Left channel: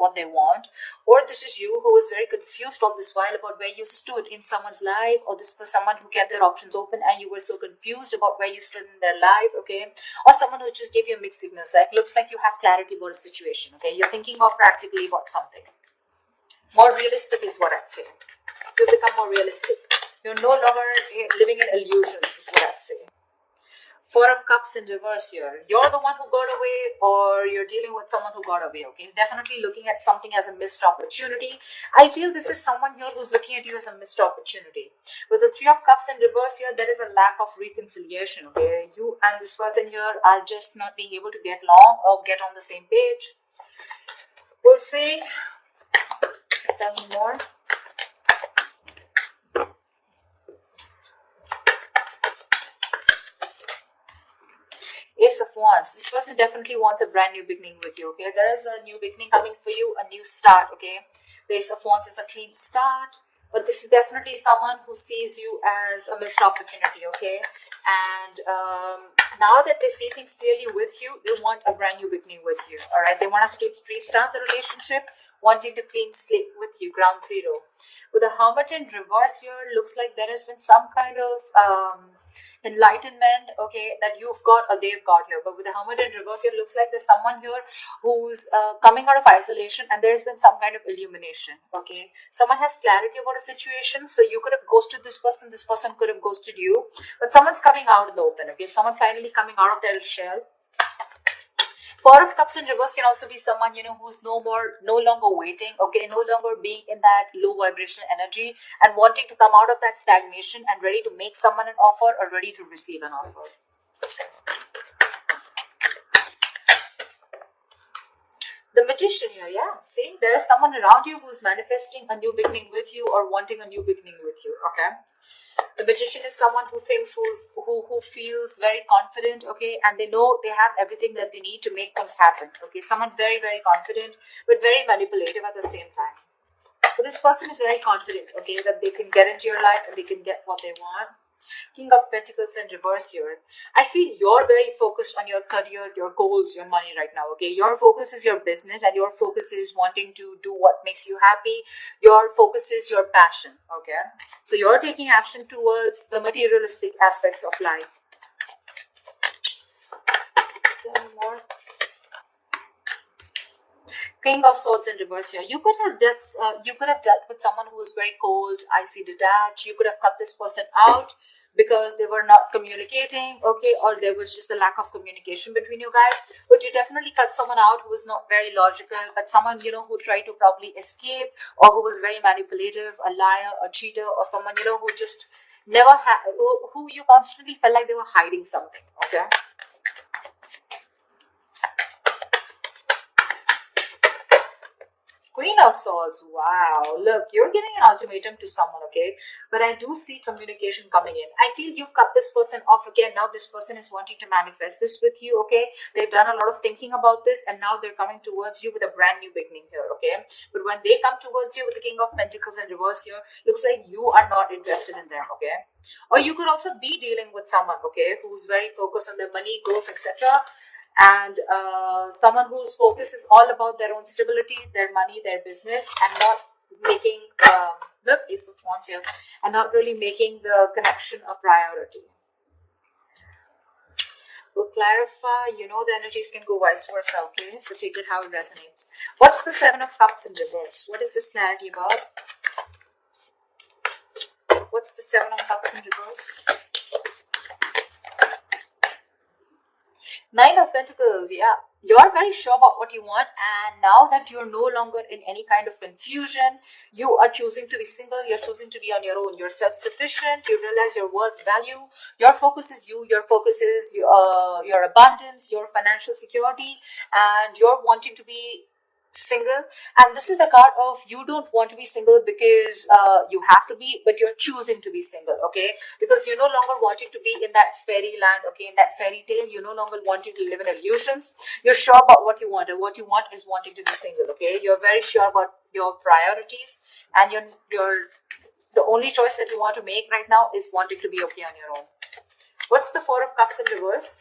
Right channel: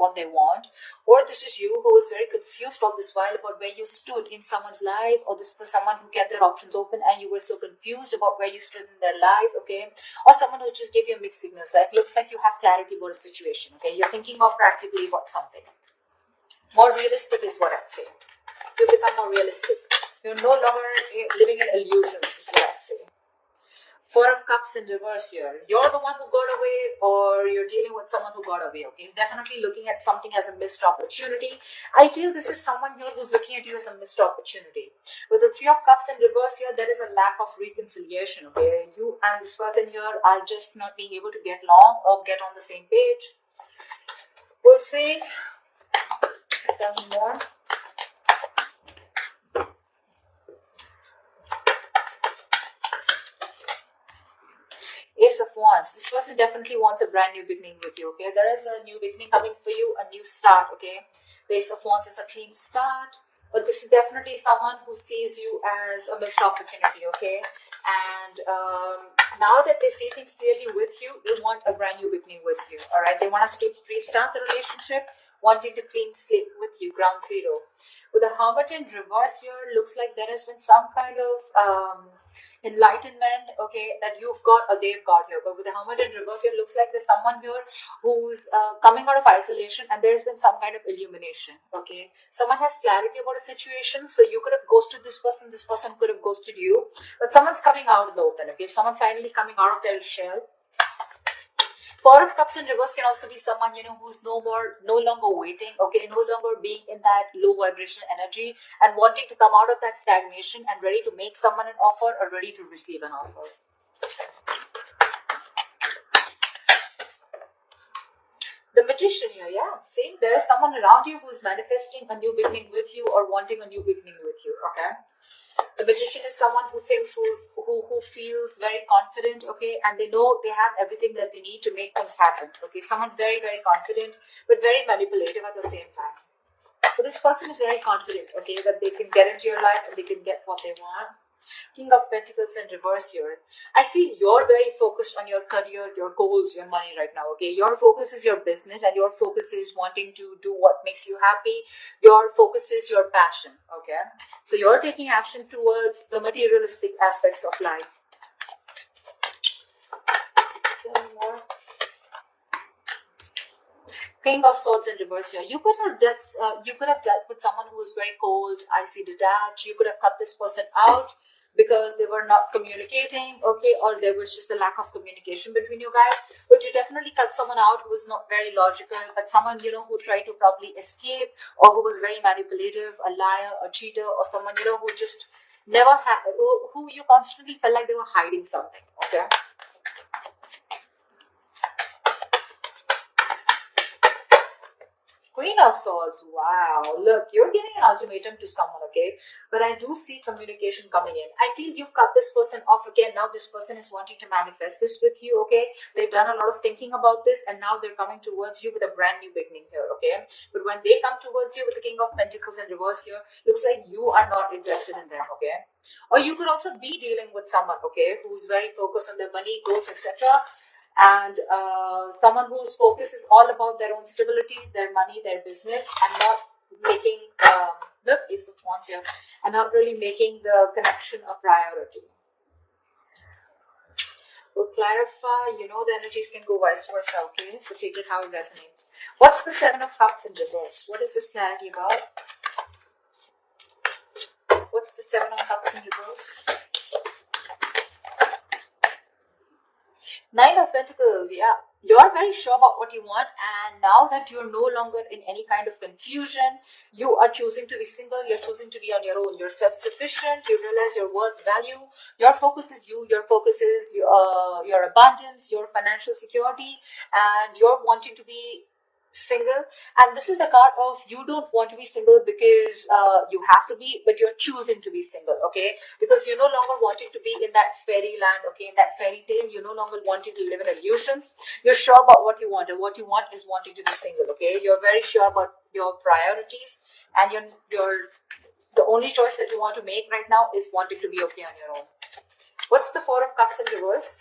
what they want, or this is you who is very confused all this while about where you stood in someone's life, or this was someone who kept their options open and you were so confused about where you stood in their life, okay? Or someone who just gave you mixed signals, like looks like you have clarity about a situation, okay? You're thinking more practically about something. More realistic is what I'd say. You become more realistic. You're no longer living in illusions, is what I'd say. Four of Cups in reverse here. You're the one who got away, or you're dealing with someone who got away, okay? Definitely looking at something as a missed opportunity. I feel this is someone here who's looking at you as a missed opportunity. With the Three of Cups in reverse here, there is a lack of reconciliation, okay? You and this person here are just not being able to get along or get on the same page. We'll see. Nothing more. Ace of Wands. This person definitely wants a brand new beginning with you, okay? There is a new beginning coming for you, a new start, okay? The Ace of Wands is a clean start, but this is definitely someone who sees you as a missed opportunity, okay? And now that they see things clearly with you, they want a brand new beginning with you, all right? They want us to restart the relationship, wanting to clean slate with you, ground zero. With the Hermit in reverse here, looks like there has been some kind of enlightenment, okay, that you've got or they've got here. But with the Hermit in reverse, it looks like there's someone here who's coming out of isolation, and there's been some kind of illumination, okay? Someone has clarity about a situation, so you could have ghosted this person could have ghosted you, but someone's coming out in the open, okay? Someone's finally coming out of their shell. Four of Cups in reverse can also be someone, you know, who's no longer waiting, okay, no longer being in that low vibrational energy and wanting to come out of that stagnation and ready to make someone an offer or ready to receive an offer. The Magician here, yeah, see, there is someone around you who's manifesting a new beginning with you or wanting a new beginning with you, okay? The Magician is someone who thinks, who feels very confident, okay, and they know they have everything that they need to make things happen, okay. Someone very, very confident, but very manipulative at the same time. So this person is very confident, okay, that they can get into your life and they can get what they want. King of Pentacles in reverse here. I feel you're very focused on your career, your goals, your money right now, okay? Your focus is your business and your focus is wanting to do what makes you happy. Your focus is your passion, okay? So you're taking action towards the materialistic aspects of life. Tell me more. King of Swords in reverse here. You could have dealt with someone who was very cold, icy, detached. You could have cut this person out because they were not communicating, okay, or there was just a lack of communication between you guys. But you definitely cut someone out who was not very logical, but someone, you know, who tried to probably escape, or who was very manipulative, a liar, a cheater, or someone, you know, who just never had, who you constantly felt like they were hiding something, okay? Queen of Swords, wow. Look, you're giving an ultimatum to someone, okay? But I do see communication coming in. I feel you've cut this person off again. Now this person is wanting to manifest this with you, okay? They've done a lot of thinking about this, and now they're coming towards you with a brand new beginning here, okay? But when they come towards you with the King of Pentacles in reverse here, looks like you are not interested in them, okay? Or you could also be dealing with someone, okay, who's very focused on their money, goals, etc., and someone whose focus is all about their own stability, their money, their business, and not making the Ace of Wands here, and not really making the connection a priority. We'll clarify, you know, the energies can go vice versa, okay? So take it how it resonates. What's the Seven of Cups in reverse? What is this clarity about? What's the Seven of Cups in reverse? Nine of Pentacles, yeah. You're very sure about what you want, and now that you're no longer in any kind of confusion, you are choosing to be single, you're choosing to be on your own. You're self-sufficient, you realize your worth, value. Your focus is you, your focus is your abundance, your financial security, and you're wanting to be single. And this is the card of you don't want to be single because you have to be, but you're choosing to be single, okay? Because you're no longer wanting to be in that fairyland, okay, in that fairy tale. You're no longer wanting to live in illusions. You're sure about what you want, and what you want is wanting to be single, okay? You're very sure about your priorities, and the only choice that you want to make right now is wanting to be okay on your own. What's the Four of Cups in reverse?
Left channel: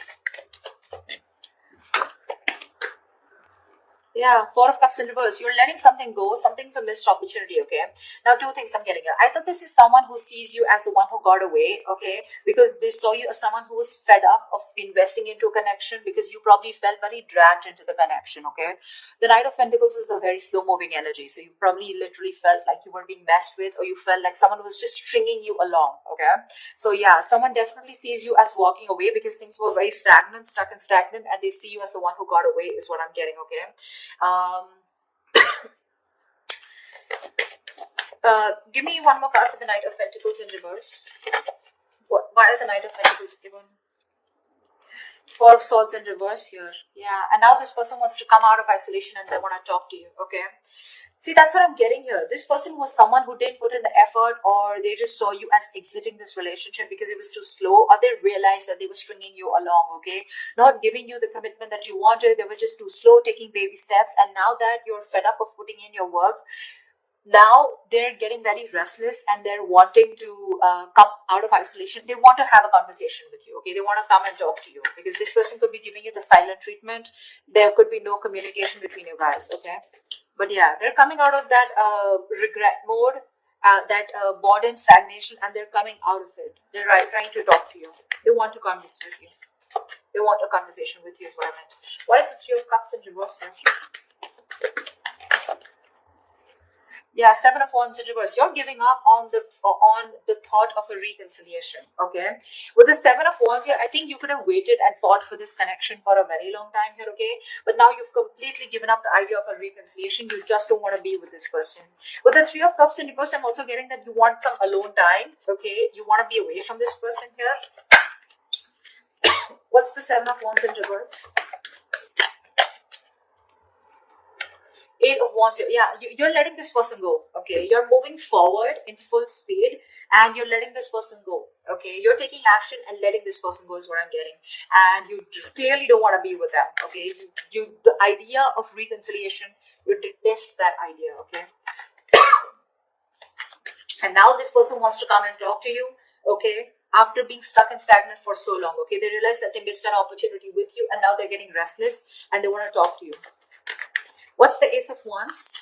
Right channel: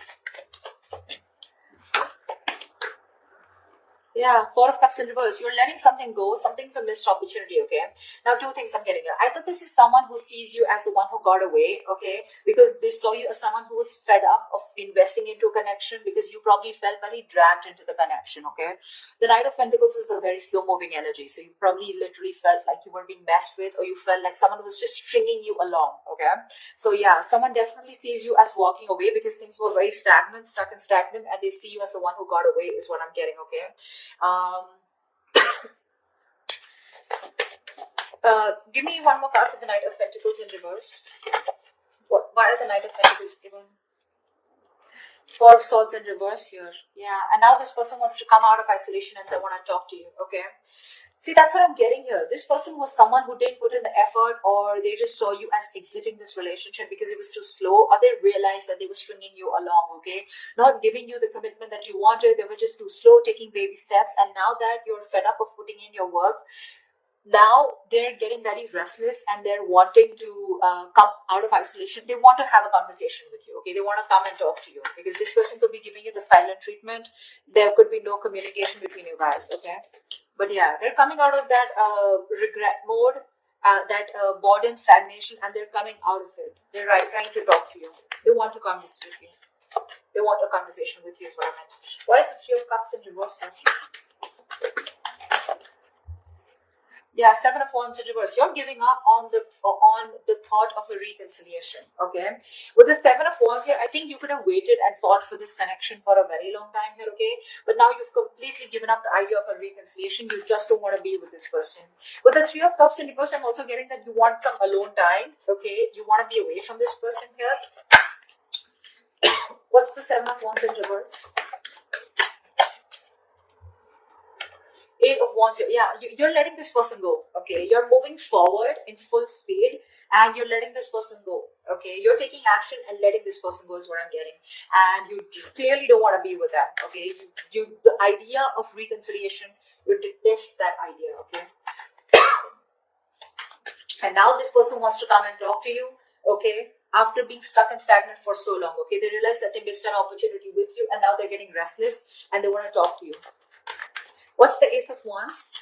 Yeah, Four of Cups in reverse. You're letting something go. Something's a missed opportunity, okay? Now, two things I'm getting here. I thought this is someone who sees you as the one who got away, okay? Because they saw you as someone who was fed up of investing into a connection because you probably felt very dragged into the connection, okay? The Knight of Pentacles is a very slow moving energy. So you probably literally felt like you were being messed with, or you felt like someone was just stringing you along, okay? So yeah, someone definitely sees you as walking away because things were very stagnant, stuck and stagnant, and they see you as the one who got away, is what I'm getting, okay? Um, Give me one more card for the Knight of Pentacles in reverse. Why is the Knight of Pentacles given? Four of Swords in reverse here. Yeah, and now this person wants to come out of isolation and they want to talk to you, okay? See, that's what I'm getting here. This person was someone who didn't put in the effort, or they just saw you as exiting this relationship because it was too slow, or they realized that they were stringing you along, okay? Not giving you the commitment that you wanted. They were just too slow, taking baby steps. And now that you're fed up of putting in your work, now they're getting very restless and they're wanting to come out of isolation. They want to have a conversation with you, okay? They want to come and talk to you because this person could be giving you the silent treatment. There could be no communication between you guys, okay? But yeah, they're coming out of that regret mode, that boredom, stagnation, and they're coming out of it. They're trying to talk to you. They want to converse with you. They want a conversation with you, is what I meant. Why is the Three of Cups in reverse? Yeah, Seven of Wands in reverse. You're giving up on the thought of a reconciliation. Okay, with the Seven of Wands here, I think you could have waited and fought for this connection for a very long time here. Okay, but now you've completely given up the idea of a reconciliation. You just don't want to be with this person. With the Three of Cups in reverse, I'm also getting that you want some alone time. Okay, you want to be away from this person here. What's the Seven of Wands in reverse? Eight of Wands here. Yeah, you're letting this person go. Okay, you're moving forward in full speed and you're letting this person go. Okay, you're taking action and letting this person go is what I'm getting. And you clearly don't want to be with them. Okay, the idea of reconciliation, you detest that idea. Okay, and now this person wants to come and talk to you. Okay, after being stuck and stagnant for so long. Okay, they realize that they missed an opportunity with you and now they're getting restless and they want to talk to you. What's the Ace of Wands?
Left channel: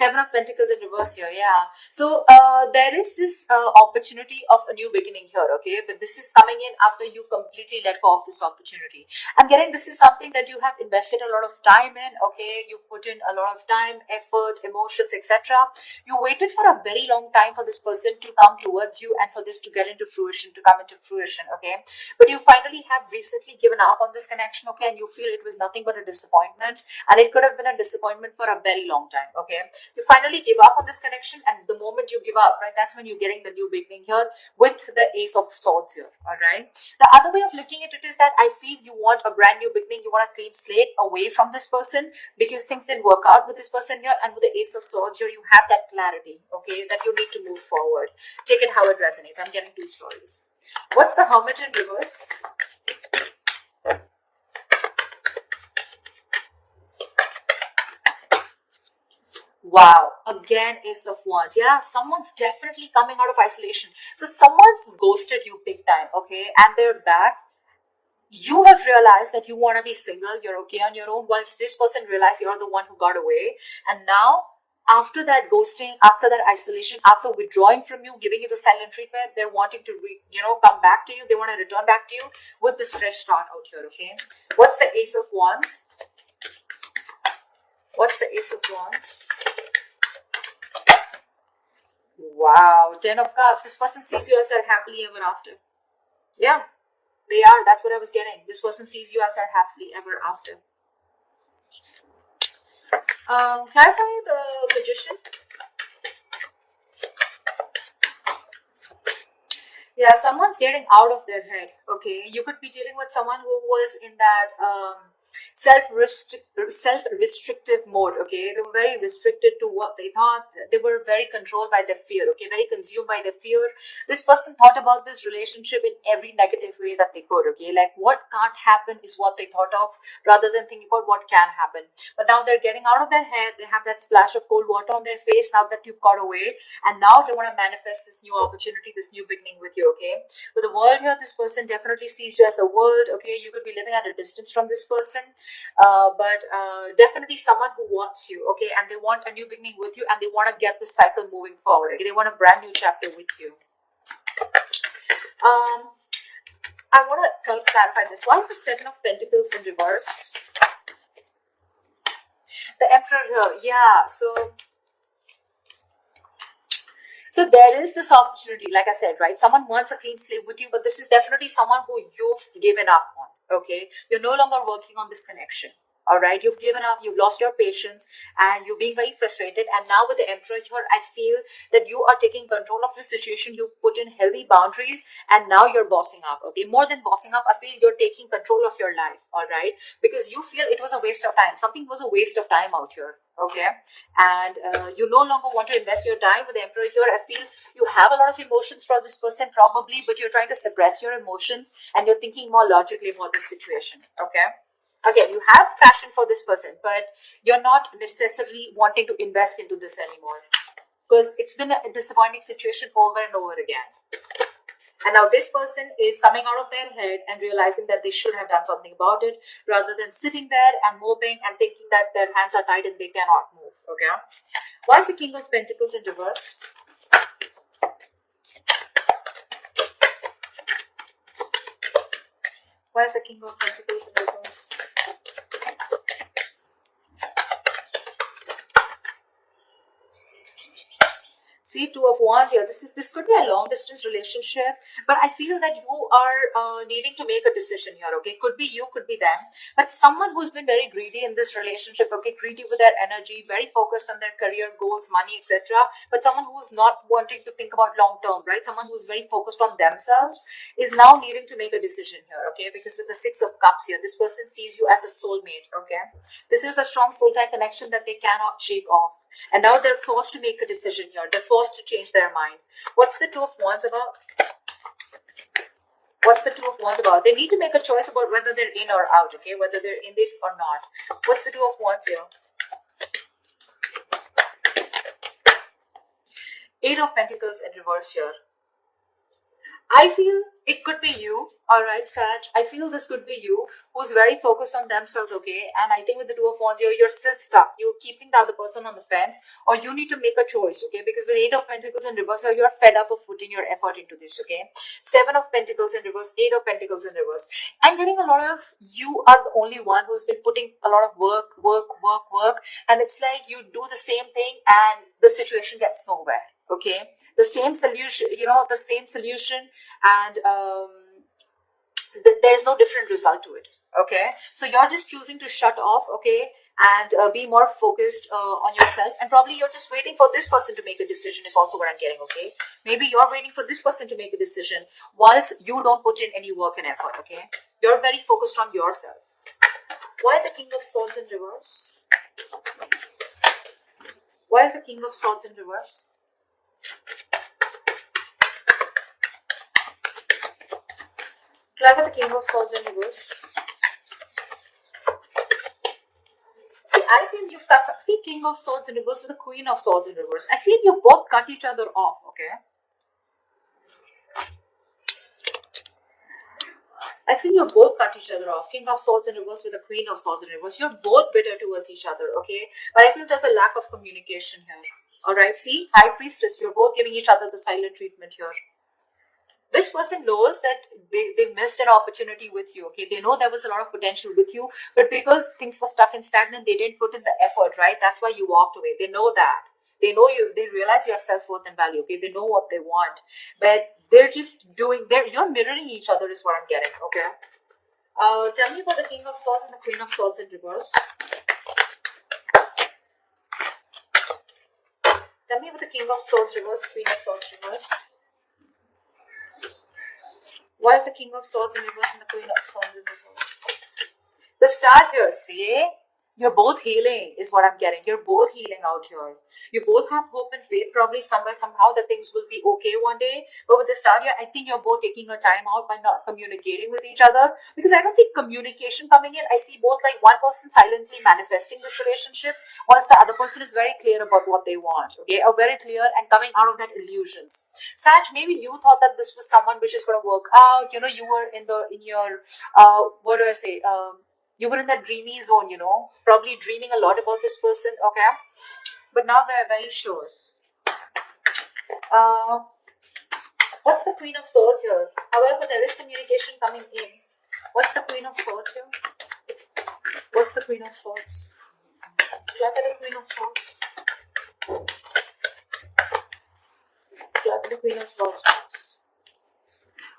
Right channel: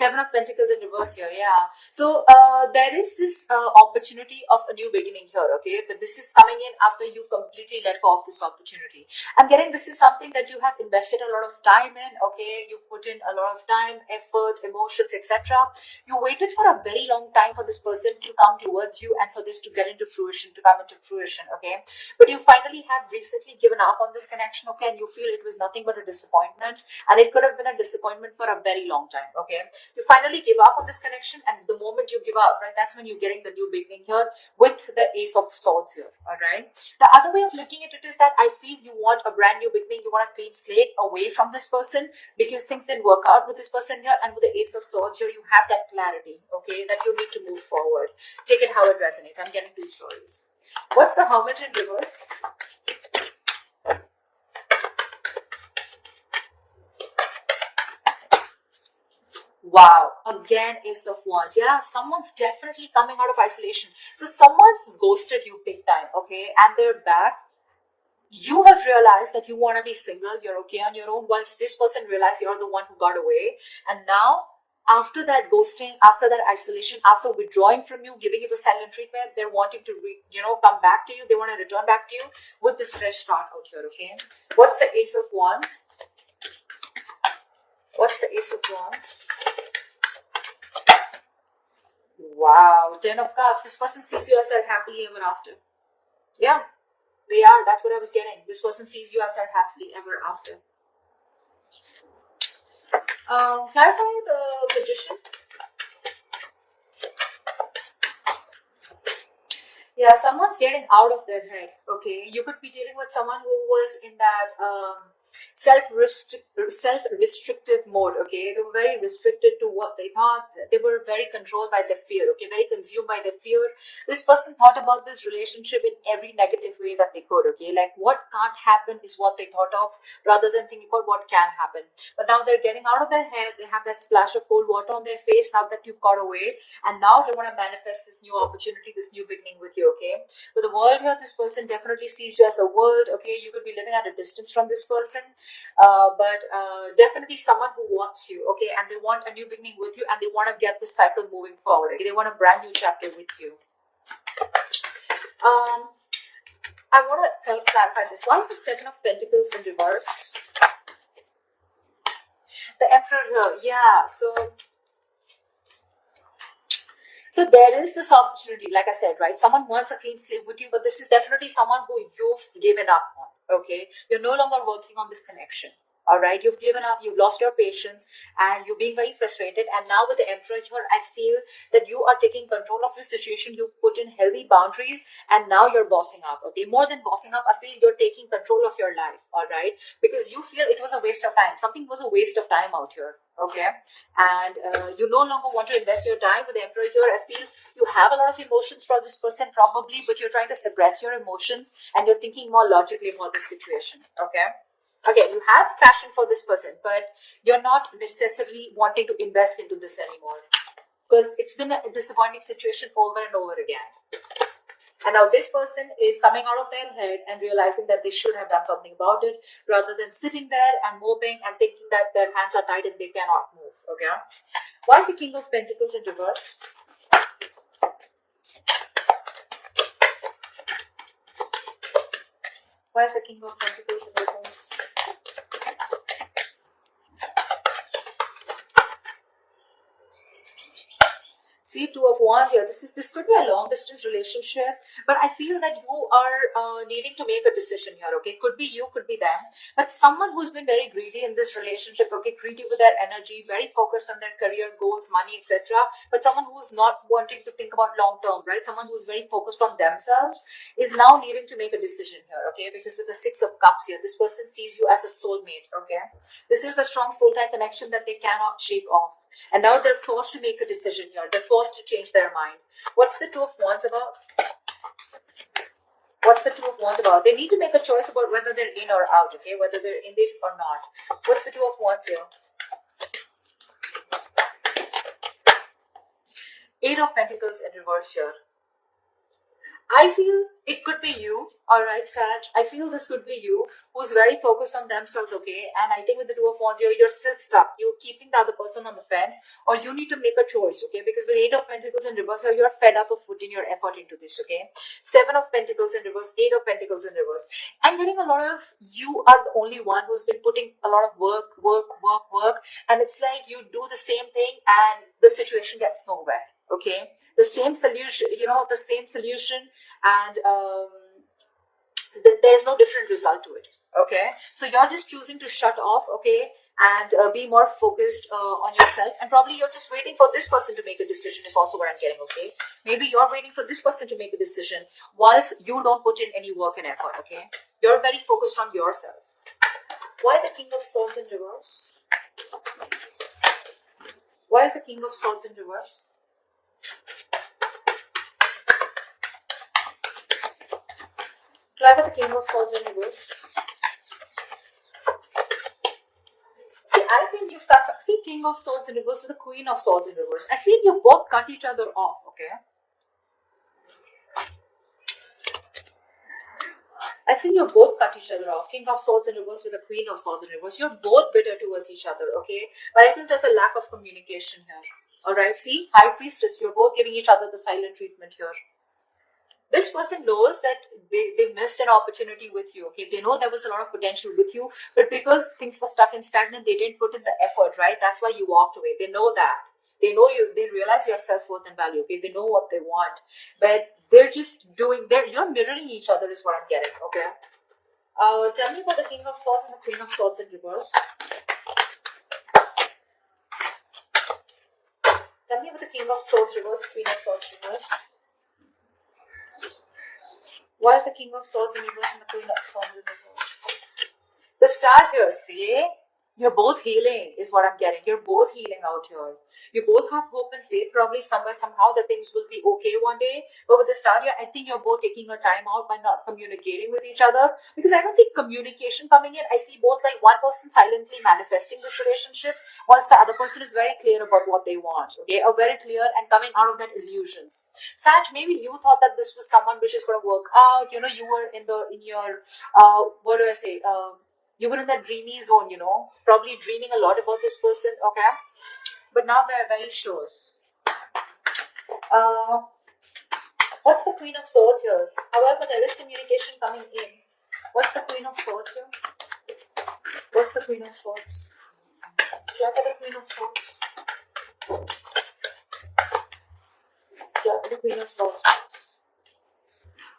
Seven of Pentacles in reverse here, yeah. So there is this opportunity of a new beginning here, okay? But this is coming in after you've completely let go of this opportunity. I'm getting this is something that you have invested a lot of time in, okay? You've put in a lot of time, effort, emotions, etc. You waited for a very long time for this person to come towards you and for this to get into fruition, to come into fruition, okay? But you finally have recently given up on this connection, okay? And you feel it was nothing but a disappointment. And it could have been a disappointment for a very long time, okay? You finally give up on this connection, and the moment you give up, right, that's when you're getting the new beginning here with the Ace of Swords here, all right? The other way of looking at it is that I feel you want a brand new beginning, you want a clean slate away from this person because things didn't work out with this person here, and with the Ace of Swords here, you have that clarity, okay, that you need to move forward. Take it how it resonates. I'm getting two stories. What's the Hermit in reverse? Wow, again Ace of Wands. Yeah, someone's definitely coming out of isolation. So someone's ghosted you big time, okay, and they're back. You have realized that you want to be single, you're okay on your own, whilst this person realized you're the one who got away. And now, after that ghosting, after that isolation, after withdrawing from you, giving you the silent treatment, they're wanting to, come back to you. They want to return back to you with this fresh start out here, okay? What's the Ace of Wands? What's the Ace of Wands? Wow, Ten of Cups. This person sees you as their happily ever after. Yeah, they are. That's what I was getting. This person sees you as their happily ever after. Clarify the Magician. Yeah, someone's getting out of their head. Okay, you could be dealing with someone who was in that self-restrictive mode, okay? They were very restricted to what they thought. They were very controlled by their fear, okay? Very consumed by their fear. This person thought about this relationship in every negative way that they could, okay? Like what can't happen is what they thought of rather than thinking about what can happen. But now they're getting out of their head. They have that splash of cold water on their face now that you've got away. And now they want to manifest this new opportunity, this new beginning with you, okay? With the world here, this person definitely sees you as the world, okay? You could be living at a distance from this person, but definitely someone who wants you, okay? And they want a new beginning with you, and they want to get this cycle moving forward, okay? They want a brand new chapter with you. I want to clarify this. Why is the Seven of Pentacles in reverse? The Emperor here, yeah, so there is this opportunity, like I said, right? Someone wants a clean slate with you, but this is definitely someone who you've given up on, okay? You're no longer working on this connection, all right? You've given up, you've lost your patience, and you're being very frustrated. And now with the Emperor here, I feel that you are taking control of your situation. You've put in healthy boundaries, and now you're bossing up, okay? More than bossing up, I feel you're taking control of your life, all right? Because you feel it was a waste of time. Something was a waste of time out here, okay? And you no longer want to invest your time with the Emperor here. I feel you have a lot of emotions for this person probably, but you're trying to suppress your emotions and you're thinking more logically about this situation, okay? Again, you have passion for this person, but you're not necessarily wanting to invest into this anymore because it's been a disappointing situation over and over again. And now this person is coming out of their head and realizing that they should have done something about it rather than sitting there and moping and thinking that their hands are tied and they cannot move, okay? What's the King of Pentacles in reverse? Where's the King of Pentacles in reverse? See, Two of Wands here. This could be a long distance relationship, but I feel that you are needing to make a decision here, okay? Could be you, could be them, but someone who's been very greedy in this relationship, okay? Greedy with their energy, very focused on their career goals, money, etc. But someone who's not wanting to think about long term, right? Someone who's very focused on themselves is now needing to make a decision here, okay? Because with the Six of Cups here, this person sees you as a soulmate, okay? This is a strong soul tie connection that they cannot shake off. And now they're forced to make a decision here. They're forced to change their mind. What's the Two of Wands about? What's the Two of Wands about? They need to make a choice about whether they're in or out, okay? Whether they're in this or not. What's the Two of Wands here? Eight of Pentacles in reverse here. I feel it could be you, alright, Sag. I feel this could be you who's very focused on themselves, okay? And I think with the Two of Wands here, you're still stuck. You're keeping the other person on the fence, or you need to make a choice, okay? Because with Eight of Pentacles in reverse here, you're fed up of putting your effort into this, okay? Seven of Pentacles in reverse, Eight of Pentacles in reverse. I'm getting a lot of, you are the only one who's been putting a lot of work, and it's like you do the same thing and the situation gets nowhere, okay? The same solution, the same solution, and there's no different result to it, okay? So you're just choosing to shut off, okay, and be more focused on yourself, and probably you're just waiting for this person to make a decision is also what I'm getting, okay? Maybe you're waiting for this person to make a decision whilst you don't put in any work and effort, okay? You're very focused on yourself. Why the King of Swords in reverse? Why is the King of Swords in reverse? Clarify the King of Swords in reverse. See, I feel you've got some. See, King of Swords in reverse with the Queen of Swords in reverse. I feel you both cut each other off, okay? I feel you both cut each other off. King of Swords in reverse with the Queen of Swords in reverse. You're both bitter towards each other, okay? But I feel there's a lack of communication here. Alright, see? High Priestess, you're both giving each other the silent treatment here. This person knows that they missed an opportunity with you, okay? They know there was a lot of potential with you, but because things were stuck and stagnant, they didn't put in the effort, right? That's why you walked away. They know that. They know you. They realize your self-worth and value, okay? They know what they want, but they're just doing, you're mirroring each other is what I'm getting, okay? Tell me about the King of Swords and the Queen of Swords in reverse. Tell me about the King of Swords reverse, Queen of Swords reverse. Why is the King of Swords in reverse and the Queen of Swords in reverse? The start here, see? You're both healing is what I'm getting. You're both healing out here. You both have hope and faith probably somewhere, somehow that things will be okay one day. But with the start here, I think you're both taking your time out by not communicating with each other. Because I don't see communication coming in. I see both like one person silently manifesting this relationship whilst the other person is very clear about what they want. Okay, are very clear and coming out of that illusions. Sag, maybe you thought that this was someone which is going to work out. You know, you were in your what do I say? You were in that dreamy zone, you know, probably dreaming a lot about this person, okay? But now they're very sure. What's the Queen of Swords here? However, there is communication coming in. What's the Queen of Swords here? What's the Queen of Swords? Look at the Queen of Swords. Look at the Queen of Swords.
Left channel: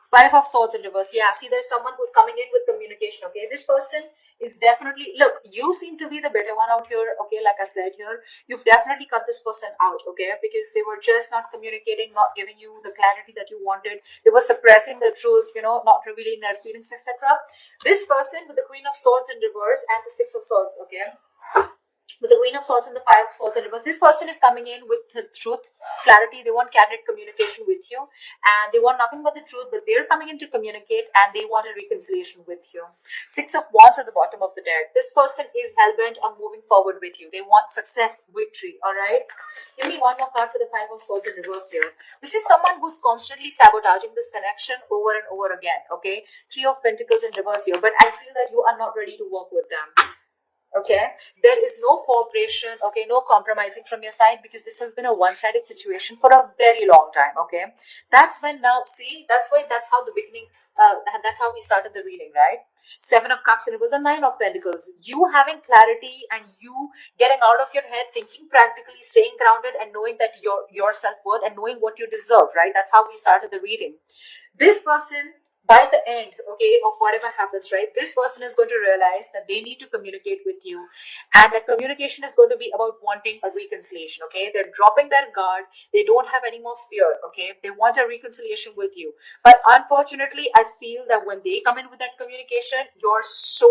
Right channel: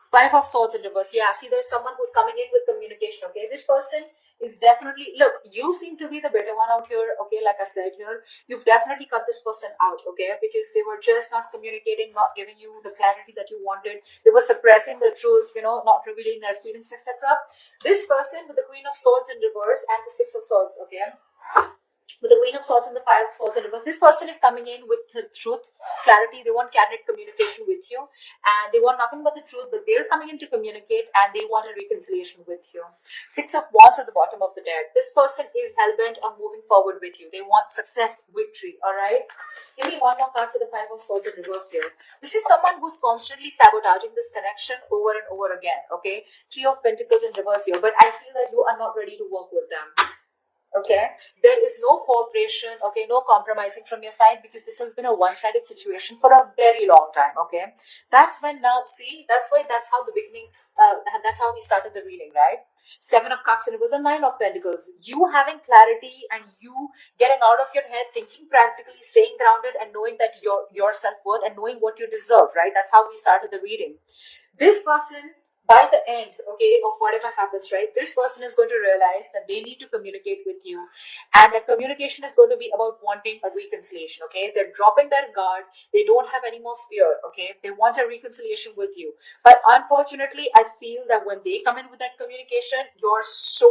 Five of Swords in reverse. Yeah, see, there's someone who's coming in with communication, okay? This person is definitely, look, you seem to be the better one out here, okay? Like I said here, you've definitely cut this person out, okay? Because they were just not communicating, not giving you the clarity that you wanted. They were suppressing the truth, you know, not revealing their feelings, etc. This person with the Queen of Swords in reverse and the Six of Swords, okay? With the Queen of Swords and the Five of Swords in reverse, this person is coming in with the truth, clarity. They want candid communication with you, and they want nothing but the truth. But they're coming in to communicate, and they want a reconciliation with you. Six of Wands at the bottom of the deck. This person is hell-bent on moving forward with you. They want success, victory. All right. Give me one more card for the Five of Swords in reverse here. This is someone who's constantly sabotaging this connection over and over again. Okay. Three of Pentacles in reverse here, but I feel that you are not ready to work with them. Okay, there is no cooperation, okay, no compromising from your side, because this has been a one-sided situation for a very long time. Okay, that's when now, see, that's how the beginning, that's how we started the reading, right? Seven of Cups, and it was a Nine of Pentacles. You having clarity and you getting out of your head, thinking practically, staying grounded, and knowing that your self-worth and knowing what you deserve, right? That's how we started the reading. This person, by the end, okay, of whatever happens, right, this person is going to realize that they need to communicate with you, and that communication is going to be about wanting a reconciliation. Okay, they're dropping their guard. They don't have any more fear. Okay, they want a reconciliation with you, but unfortunately I feel that when they come in with that communication, you're so